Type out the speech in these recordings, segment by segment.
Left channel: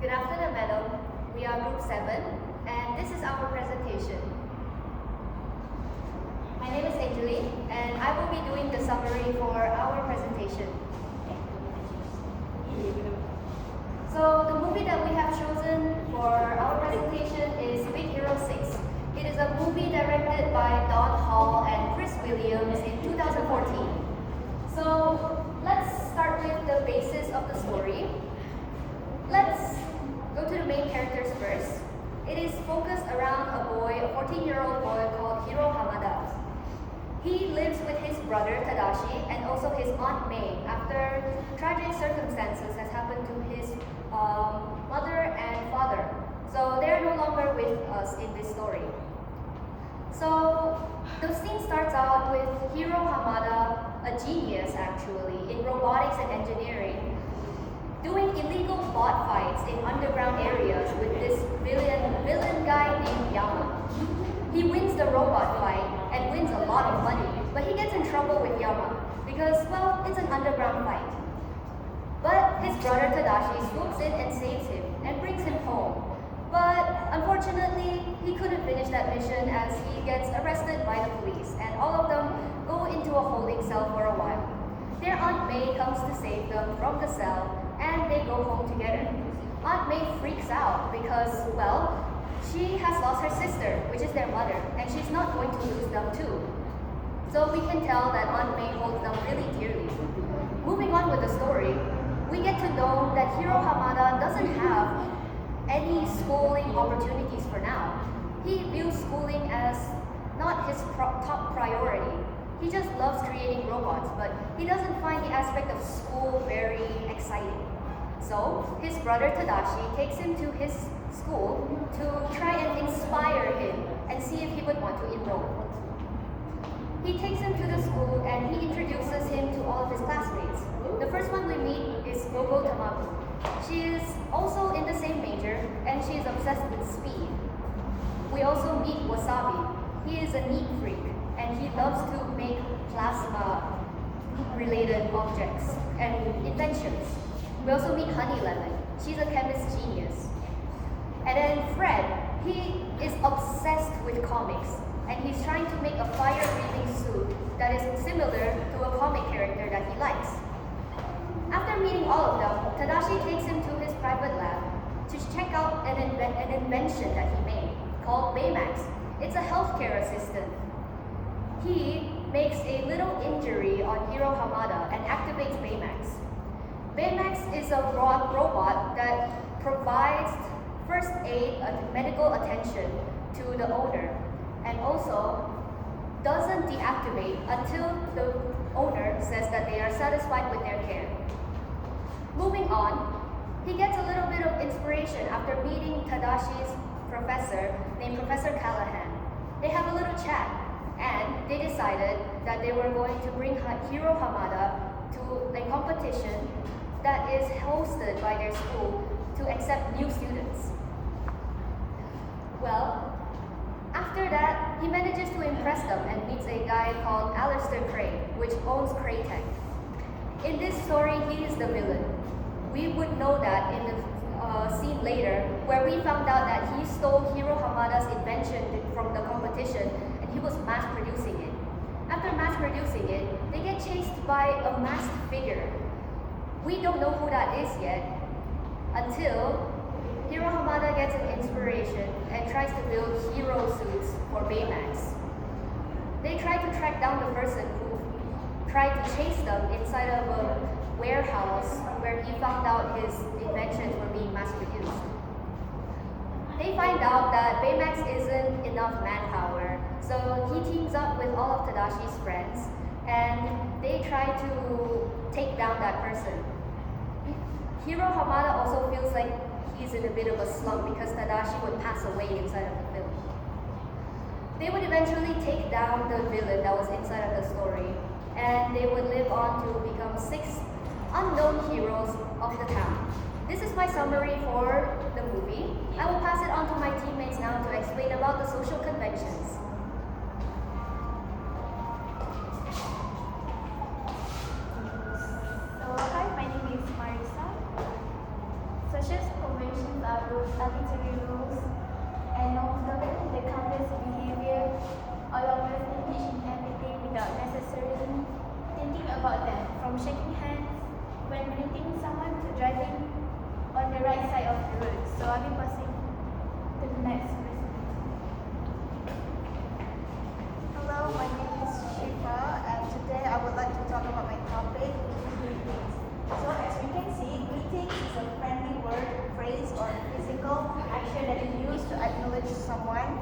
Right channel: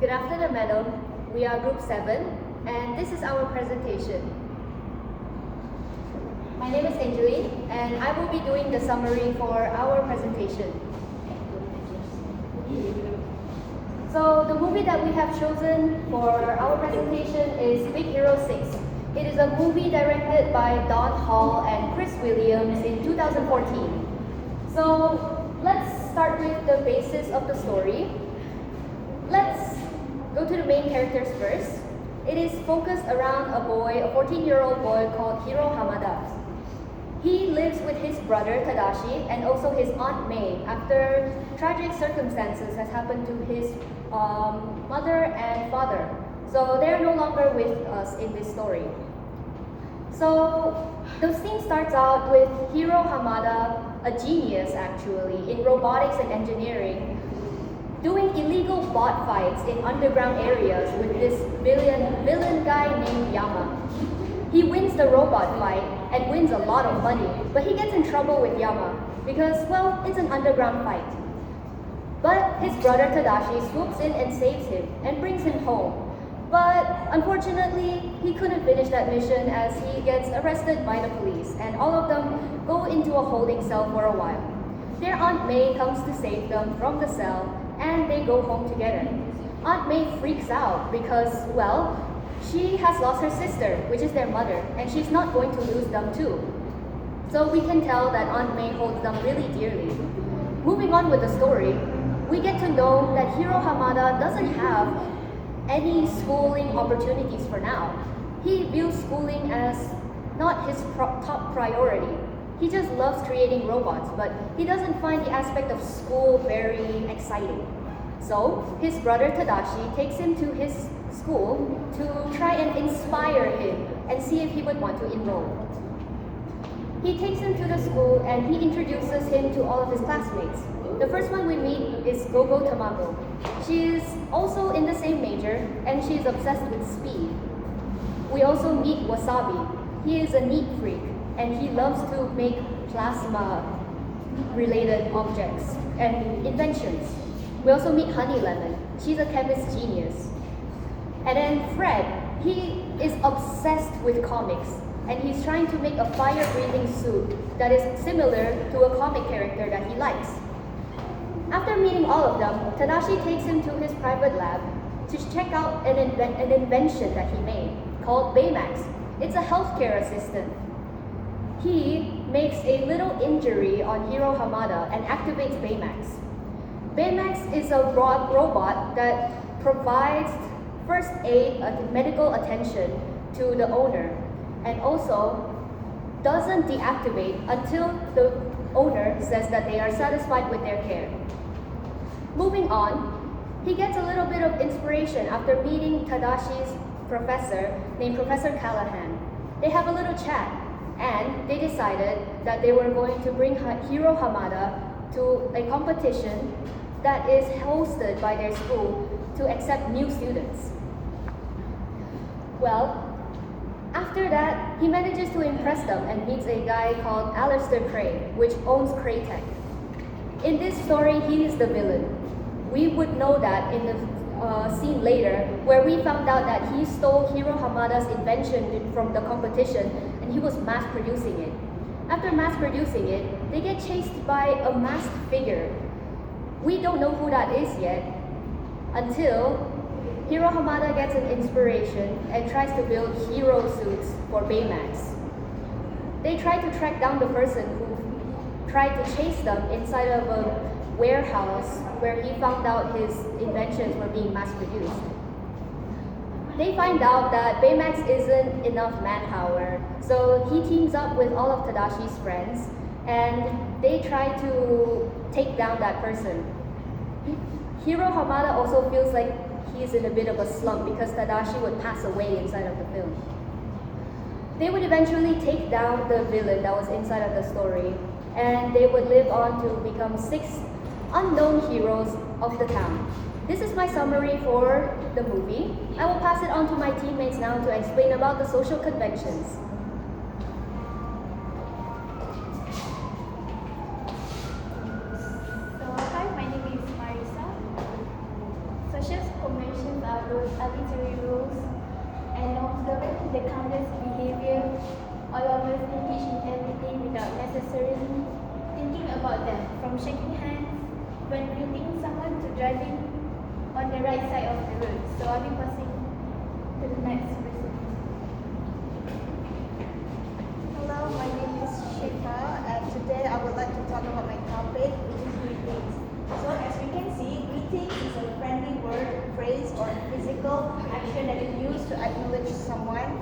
Good afternoon, madam. We are Group 7, and this is our presentation. My name is Angeline, and I will be doing the summary for our presentation. So, the movie that we have chosen for our presentation is Big Hero 6. It is a movie directed by Don Hall and Chris Williams in 2014. So, let's start with the basis of the story. Let's go to the main characters first. It is focused around a boy, a 14-year-old boy called Hiro Hamada. He lives with his brother Tadashi and also his aunt Mei after tragic circumstances has happened to his mother and father. So they're no longer with us in this story. So the scene starts out with Hiro Hamada, a genius actually in robotics and engineering, doing illegal bot fights in underground areas with this villain guy named Yama. He wins the robot fight and wins a lot of money, but he gets in trouble with Yama because, well, it's an underground fight. But his brother Tadashi swoops in and saves him and brings him home. But unfortunately, he couldn't finish that mission as he gets arrested by the police, and all of them go into a holding cell for a while. Their Aunt May comes to save them from the cell, and they go home together. Aunt May freaks out because, well, she has lost her sister, which is their mother, and she's not going to lose them too. So we can tell that Aunt May holds them really dearly. Moving on with the story, we get to know that Hiro Hamada doesn't have any schooling opportunities for now. He views schooling as not his top priority. He just loves creating robots, but he doesn't find the aspect of school very exciting. So his brother Tadashi takes him to his school to try and inspire him and see if he would want to enroll. He takes him to the school and he introduces him to all of his classmates. The first one we meet is Gogo Tamago. She is also in the same major and she is obsessed with speed. We also meet Wasabi. He is a neat freak and he loves to make plasma related objects and inventions. We also meet Honey Lemon. She's a chemist genius. And then Fred, he is obsessed with comics and he's trying to make a fire-breathing suit that is similar to a comic character that he likes. After meeting all of them, Tadashi takes him to his private lab to check out an invention that he made called Baymax. It's a healthcare assistant. He makes a little injury on Hiro Hamada and activates Baymax. Baymax is a robot that provides first aid and medical attention to the owner and also doesn't deactivate until the owner says that they are satisfied with their care. Moving on, he gets a little bit of inspiration after meeting Tadashi's professor named Professor Callahan. They have a little chat and they decided that they were going to bring Hiro Hamada to a competition that is hosted by their school to accept new students. Well, after that, he manages to impress them and meets a guy called Alistair Cray, which owns Craytech. In this story, he is the villain. We would know that in the scene later, where we found out that he stole Hiro Hamada's invention from the competition and he was mass producing it. After mass producing it, they get chased by a masked figure. We don't know who that is yet until Hiro Hamada gets an inspiration and tries to build hero suits for Baymax. They try to track down the person who tried to chase them inside of a warehouse where he found out his inventions were being mass produced. They find out that Baymax isn't enough manpower, so he teams up with all of Tadashi's friends and they try to take down that person. Hiro Hamada also feels like he's in a bit of a slump because Tadashi would pass away inside of the film. They would eventually take down the villain that was inside of the story and they would live on to become 6 unknown heroes of the town. This is my summary for the movie. I will pass it on to my teammates now to explain about the social conventions. So, hi, my name is Marisa. Social conventions are rules, arbitrary rules, and observing the countless behavior along with each and everything without necessarily thinking about them, from shaking hands when greeting someone to driving on the right side of the road. So I'll be passing to the next person. Hello, my name is Shifa, and today I would like to talk about my topic, which is greetings. So as we can see, greetings is a friendly word, phrase, or physical action that is used to acknowledge someone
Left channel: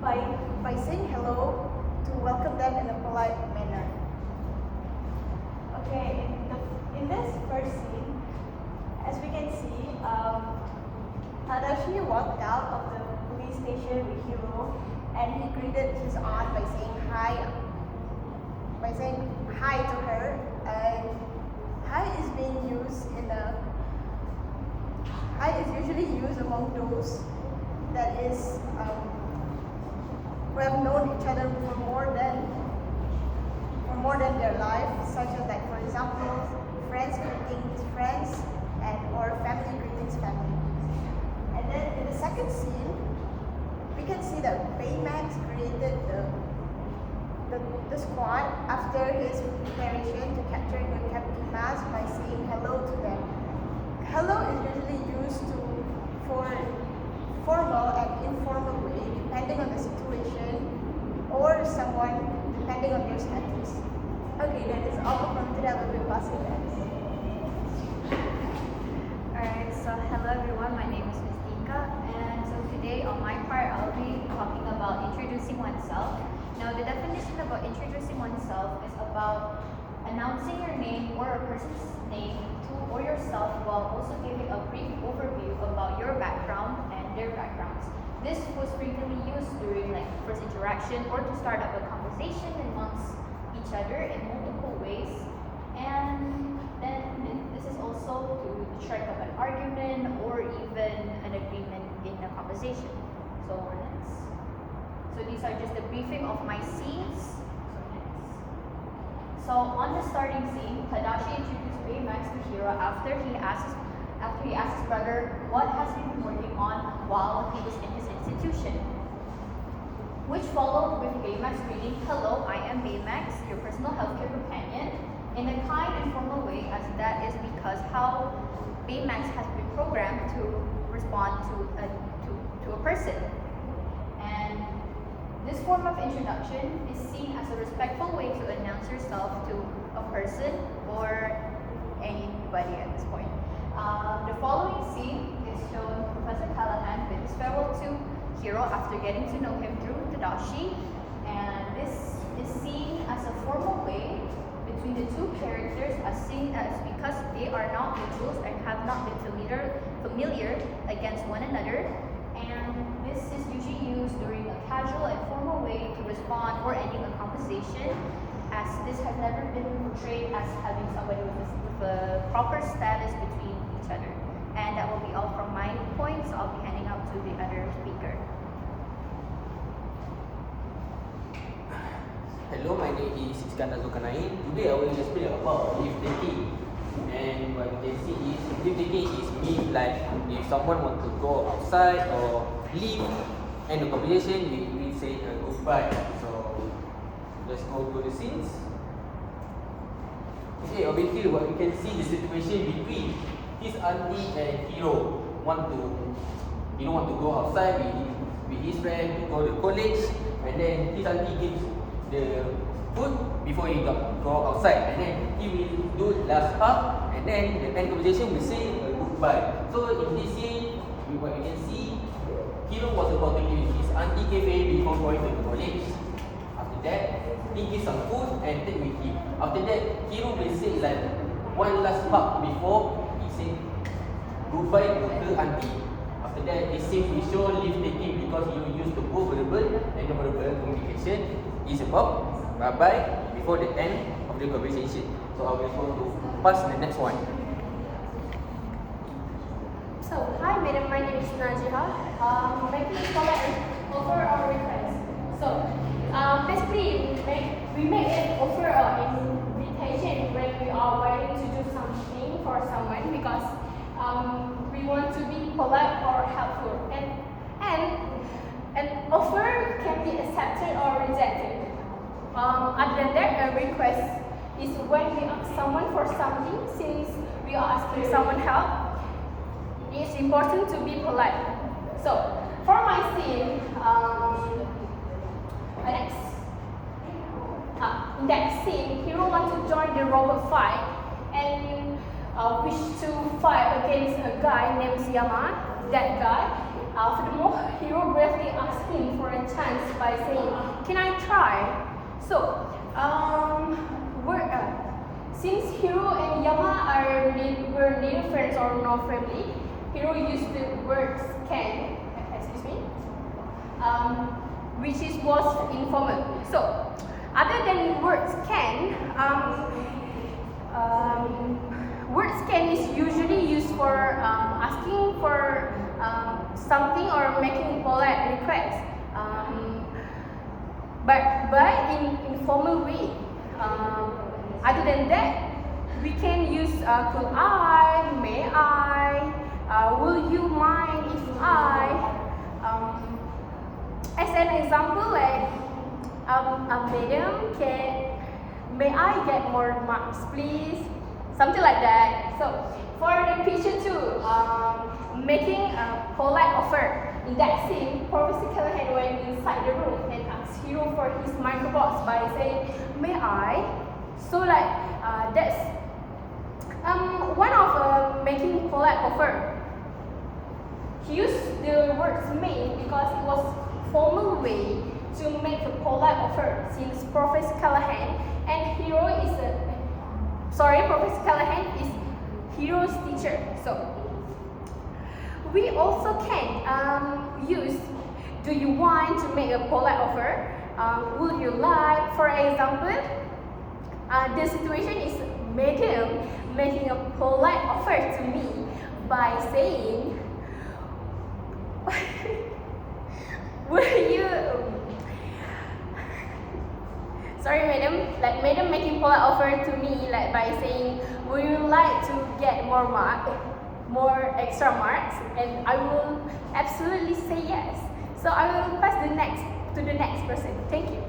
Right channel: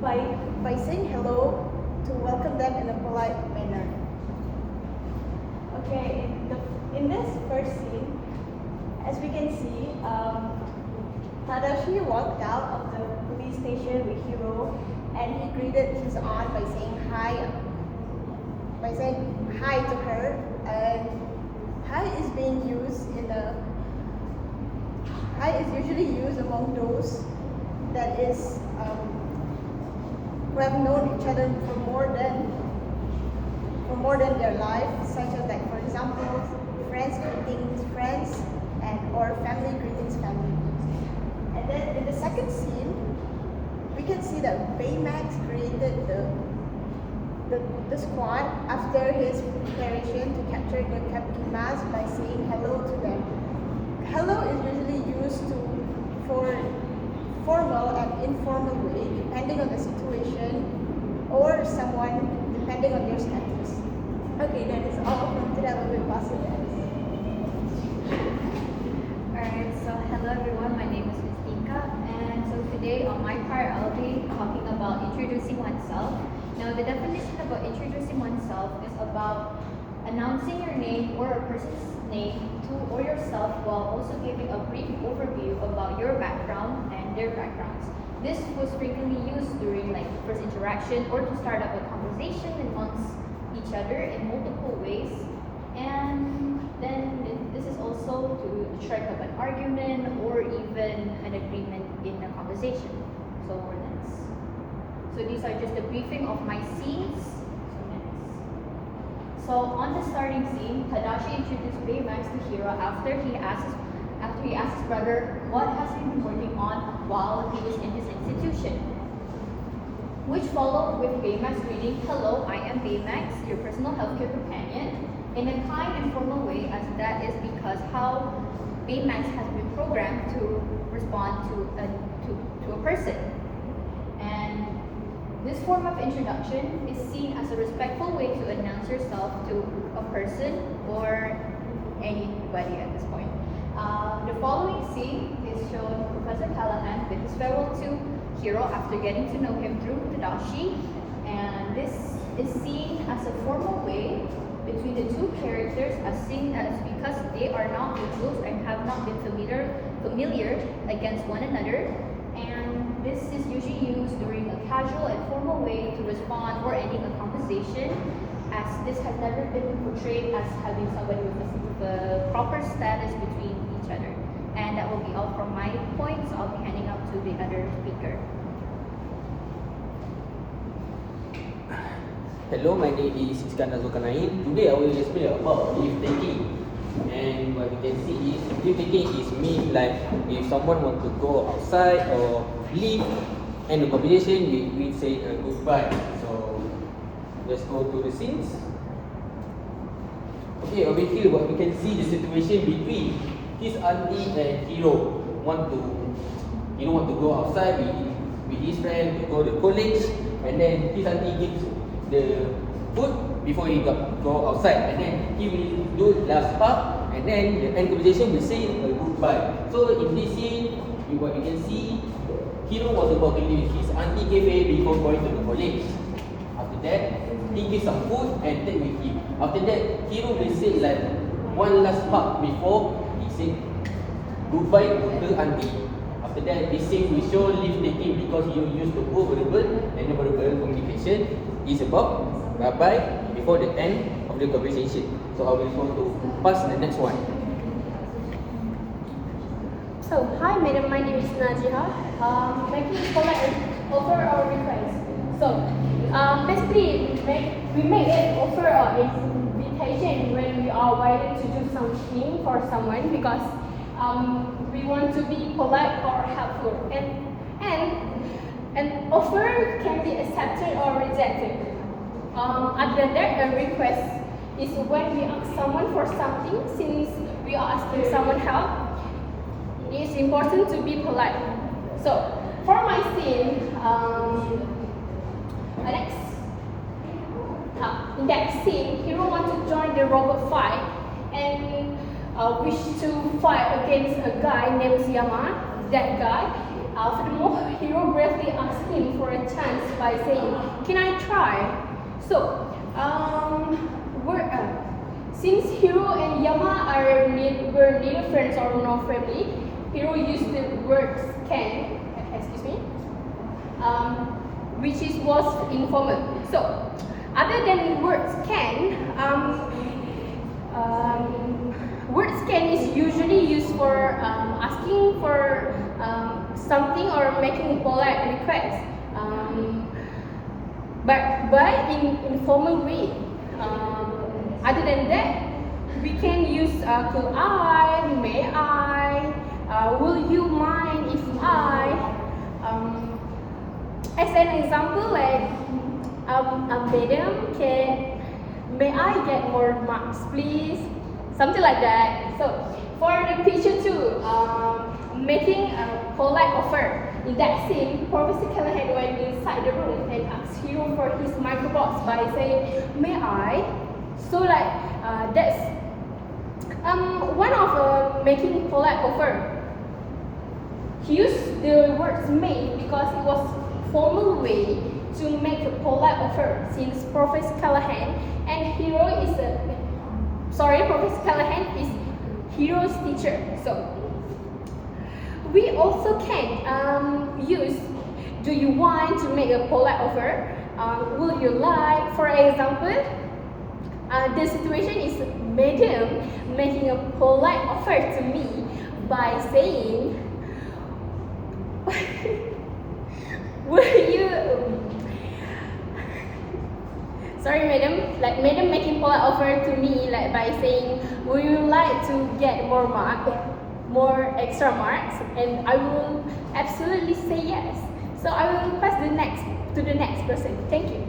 by saying hello to welcome them in a polite manner. Okay, in this first scene, as we can see, Tadashi walked out of the police station with Hiro, and he greeted his aunt by saying hi to her. And hi is usually used among those that is who have known each other for more than their life, such as, like, for example, friends greeting friends, and or family greetings family. And then in the second scene, we can see that Baymax greeted the squad after his preparation to capture the Kabuki mask by saying hello to them. Hello is usually used for formal and informal way, depending on the situation or someone, depending on their status. Okay, that is all from today. I will pass it back. Alright, so hello everyone, my name is Mystika, and so today on my part I'll be talking about introducing oneself. Now the definition about introducing oneself is about announcing your name or a person's name to or yourself while also giving a brief overview about your background and their backgrounds. This was frequently used during first interaction or to start up a conversation amongst each other in multiple ways, and then this is also to strike up an argument or even an agreement in a conversation. So these are just a briefing of my scenes. So on the starting scene, Tadashi introduced Baymax to Hiro after he asked his brother what has he been working on while he was in his institution, which followed with Baymax greeting, "Hello, I am Baymax, your personal healthcare companion," in a kind and formal way, as that is because how Baymax has been programmed to respond to a person. And this form of introduction is seen as a respectful way to announce yourself to a person or anybody at this point. The following scene is shown Professor Callahan with his farewell to Hiro after getting to know him through Tadashi, and this is seen as a formal way between the two characters, as seen as because they are not mutuals and have not been familiar against one another, and this is usually used during a casual and formal way to respond or ending a conversation, as this has never been portrayed as having somebody with a proper status between each other. And that will be all from my point, so I'll be handing out to the other speaker. Hello, my name is Iskandar Zulkarnain. Today I will explain about leave taking. And what we can see is leave taking is mean like if someone want to go outside or leave and the conversation we say goodbye. So let's go to the scenes. Okay, over here what we can see the situation between his auntie and Hiro want to go outside with his friend to go to college, and then his auntie gives the food before he go outside, and then he will do last part, and then the end conversation will say a goodbye. So in this scene, what you can see, Hiro was about to leave his auntie cafe before going to the college. After that, he gives some food and take with him. After that, Hiro will say like one last part before he said goodbye to her auntie. After that, this scene will show leave taking because Hiro used the both verbal and non-verbal communication. It's about bye-bye before the end of the conversation. So I will go to pass the next one. So, hi madam, my name is Najiha. Making polite offer or request. So, basically, we make an offer or invitation when we are willing to do something for someone, because we want to be polite or helpful, and offer can be accepted or rejected. Other than that, a request is when we ask someone for something. Since we are asking someone help, it is important to be polite. So, for my scene, in that scene, hero want to join the robot fight and wish to fight against a guy named Yama. That guy. Furthermore, hero bravely asked him for a chance by saying, "Can I try?" So, since Hiro and Yama were neither friends or no family, Hiro used the word "can," which was informal. So, other than words "can," words "can" is usually used for asking for something or making polite requests. But in informal way. Other than that, we can use could I, may I, will you mind if I. As an example, like madam, may I get more marks, please? Something like that. So for the picture two, making a polite offer. In that scene, Professor Callahan went inside the room and asked Hiro for his microbots by saying, "May I?" So that's one of making polite offer. He used the words "may" because it was formal way to make a polite offer. Since Professor Callahan and Professor Callahan is Hiro's teacher. So we also can use "do you want" to make a polite offer. Would you like? For example, the situation is madam making a polite offer to me by saying, "Will you?" Sorry, madam. Like madam making polite offer to me by saying, "Would you like to get more extra marks?" And I will absolutely say yes. So I will pass to the next person. Thank you.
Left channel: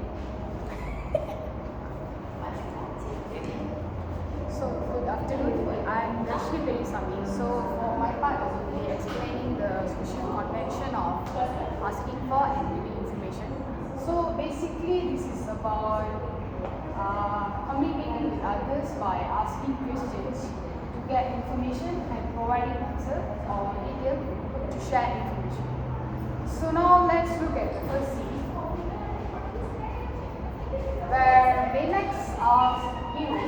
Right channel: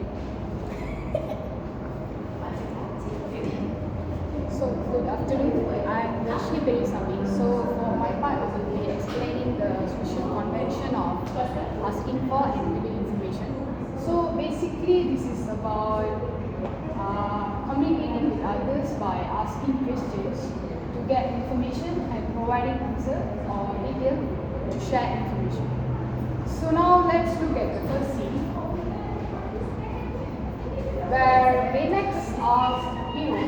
So good afternoon. I'm Darshni Belisami. So for my part, I will be explaining the social convention of asking for and giving information. So basically, this is about communicating with others by asking questions to get information and providing answer or detail to share information. So now let's look at the first scene, where Baymax asks Hiro,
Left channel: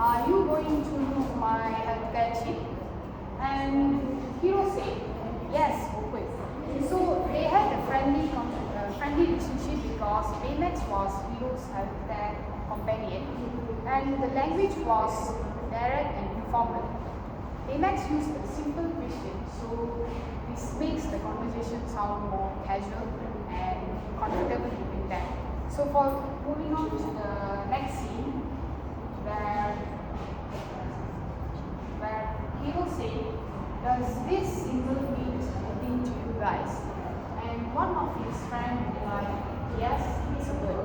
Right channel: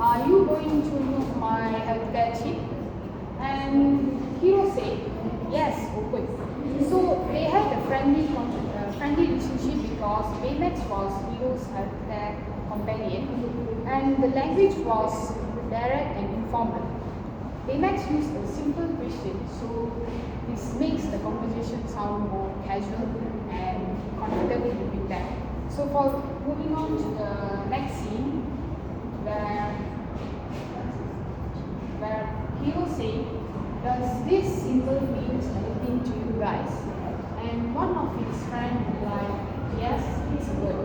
"Are you going to look my healthcare chip?" And Hiro said, "Yes, open." So they had a friendly relationship because Baymax was Hiro's healthcare companion, and the language was direct and informal. Baymax used a simple question, so this makes the conversation sound more casual and comfortable between them. So for moving on to the next scene, where Hiro said, "Does this symbol mean anything to you guys?" And one of his friends replied, "Yes, it's a word."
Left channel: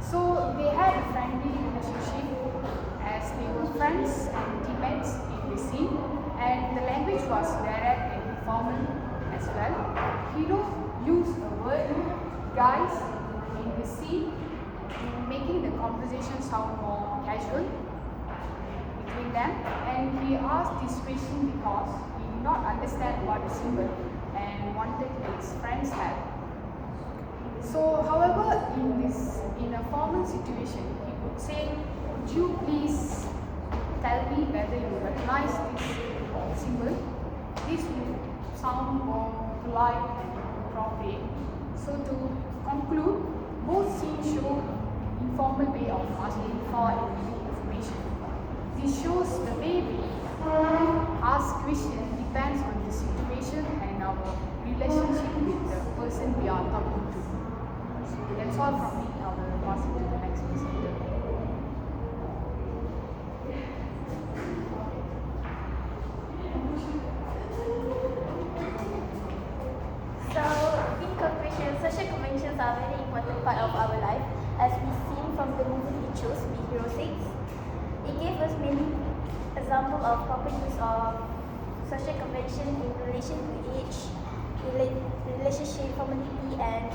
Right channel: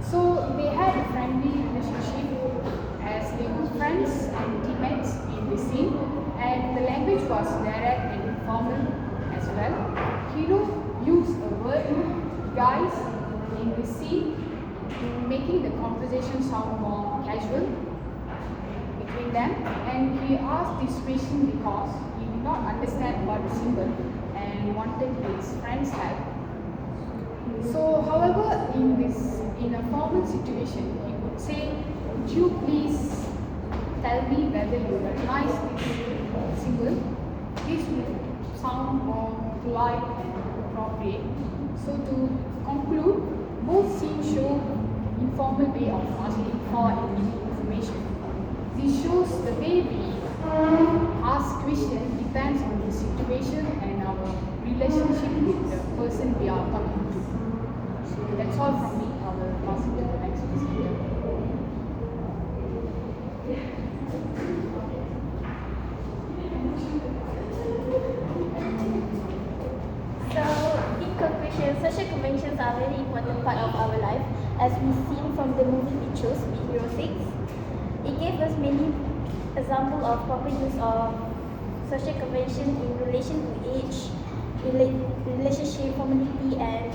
So they had a friendly relationship as they were friends and teammates in the scene, and the language was direct and informal as well. Hiro used the word "guys" in the scene, making the conversation sound more casual between them, and he asked this question because he did not understand what the symbol and wanted his friend's help. So, however, in a formal situation, he would say, "Would you please tell me whether you recognize this symbol?" This would sound more polite and appropriate. So, to conclude, both scenes show informal way of asking for and giving information. This shows the way we ask questions depends on the situation and our relationship with the person we are talking to. So that's all from me. I will pass it to the next speaker. emotions are a very important part of our life, as we seen from the movie we chose, Big Hero 6. It gave us many examples of proper use of social convention in relation to age, relationship, community, and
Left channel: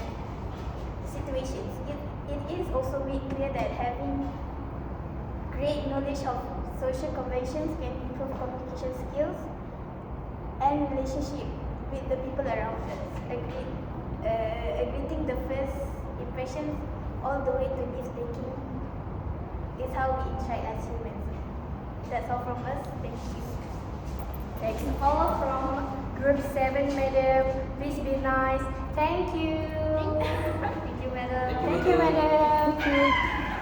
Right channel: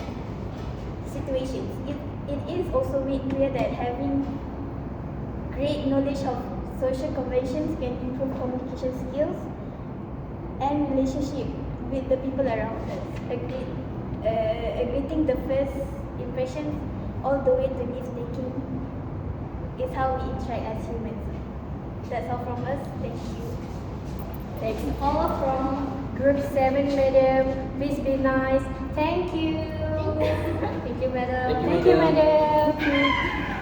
situations. It is also made clear that having great knowledge of social conventions can improve communication skills and relationship with the people around us. Greeting the first impressions all the way to leave taking is how we interact as humans. That's all from us. Thank you. Thanks all from Group 7, madam. Please be nice. Thank you. Thank you, madam. Thank you, madam. Thank you.